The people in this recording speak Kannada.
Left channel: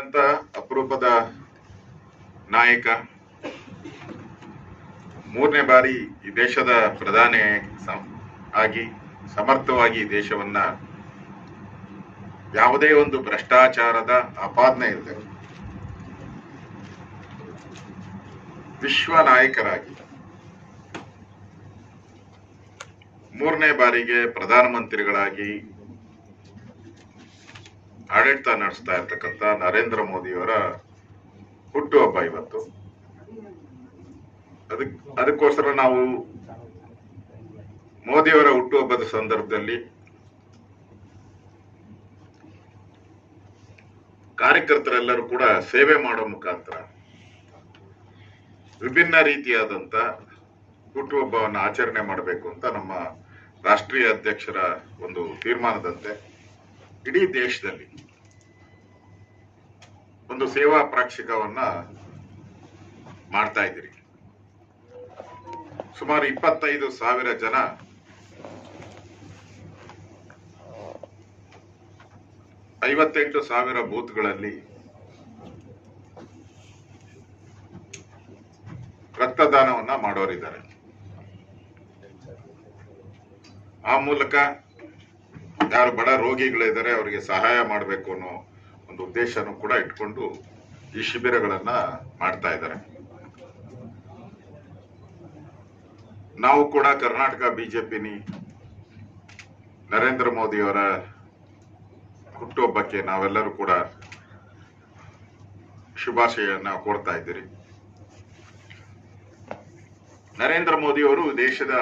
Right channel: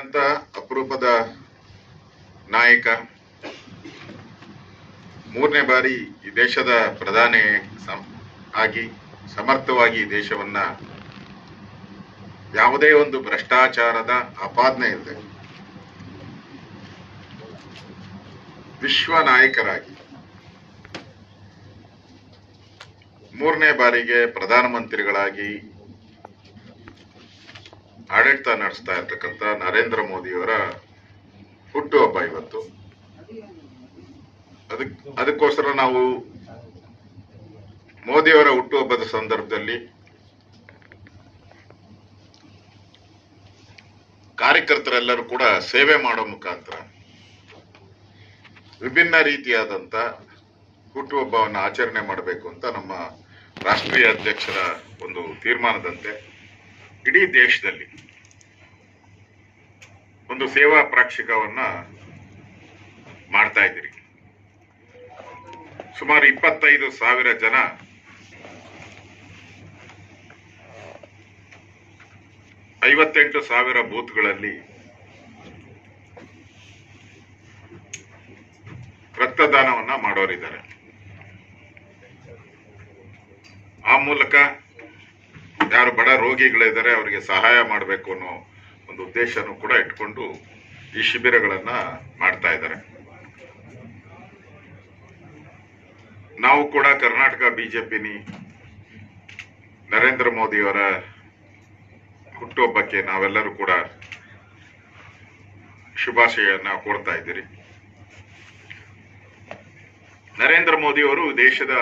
ಅಂತ ಅಪರೂಪದ ನಾಯಕ, ಮೂರನೇ ಬಾರಿ ಈ ದೇಶದ ಪ್ರಧಾನಿ ಆಗಿ ಸಮರ್ಥವಾಗಿ ದೇಶವನ್ನ ಯಾವುದೇ ಒಂದು ಭ್ರಷ್ಟಾಚಾರದ ಆಪಾದನೆ ಇಲ್ಲದೆ ವಿಶ್ವ ನಾಯಕರಾಗಿ ಮೂರನೇ ಬಾರಿಗೆ ಪ್ರಧಾನಮಂತ್ರಿಗಳಾಗಿ ಆಡಳಿತ ನಡೆಸ್ತಾ ಇರ್ತಕ್ಕಂಥ ನರೇಂದ್ರ ಮೋದಿಯವರ ಹುಟ್ಟುಹಬ್ಬ ಇವತ್ತು. ಅದಕ್ಕೋಸ್ಕರ ನಾವು ಮೋದಿಯವರ ಹುಟ್ಟುಹಬ್ಬದ ಸಂದರ್ಭದಲ್ಲಿ ಕಾರ್ಯಕರ್ತರೆಲ್ಲರೂ ಕೂಡ ಸೇವೆ ಮಾಡೋ ಮುಖಾಂತರ ವಿಭಿನ್ನ ರೀತಿಯಾದಂತ ಹುಟ್ಟುಹಬ್ಬವನ್ನು ಆಚರಣೆ ಮಾಡಬೇಕು ಅಂತ ನಮ್ಮ ರಾಷ್ಟ್ರೀಯ ಅಧ್ಯಕ್ಷರ ಒಂದು ತೀರ್ಮಾನದಂತೆ ಇಡೀ ದೇಶದಲ್ಲಿ ಒಂದು ಸೇವಾ ಪ್ರಾಕ್ಷಿಕವನ್ನ ಮಾಡ್ತಾ ಇದ್ದೀರಿ. ಸುಮಾರು 25,000 ಜನ ,58,000 ಬೂತ್ಗಳಲ್ಲಿ ರಕ್ತದಾನವನ್ನ ಮಾಡೋರಿದ್ದಾರೆ. ಆ ಮೂಲಕ ಯಾರು ಬಡ ರೋಗಿಗಳಿದ್ದಾರೆ ಅವರಿಗೆ ಸಹಾಯ ಮಾಡಬೇಕು ಅನ್ನೋ ಒಂದು ಉದ್ದೇಶನೂ ಕೂಡ ಇಟ್ಕೊಂಡು ಈ ಶಿಬಿರಗಳನ್ನ ಮಾಡ್ತಾ ಇದ್ದಾರೆ. ನಾವು ಕೂಡ ಕರ್ನಾಟಕ ಬಿಜೆಪಿನಿ ನರೇಂದ್ರ ಮೋದಿಯವರ ಹುಟ್ಟುಹಬ್ಬಕ್ಕೆ ನಾವೆಲ್ಲರೂ ಕೂಡ ಶುಭಾಶಯನ್ನ ಕೋರ್ತಾ ಇದ್ದೀರಿ. ನರೇಂದ್ರ ಮೋದಿಯವರು ದೇಶದ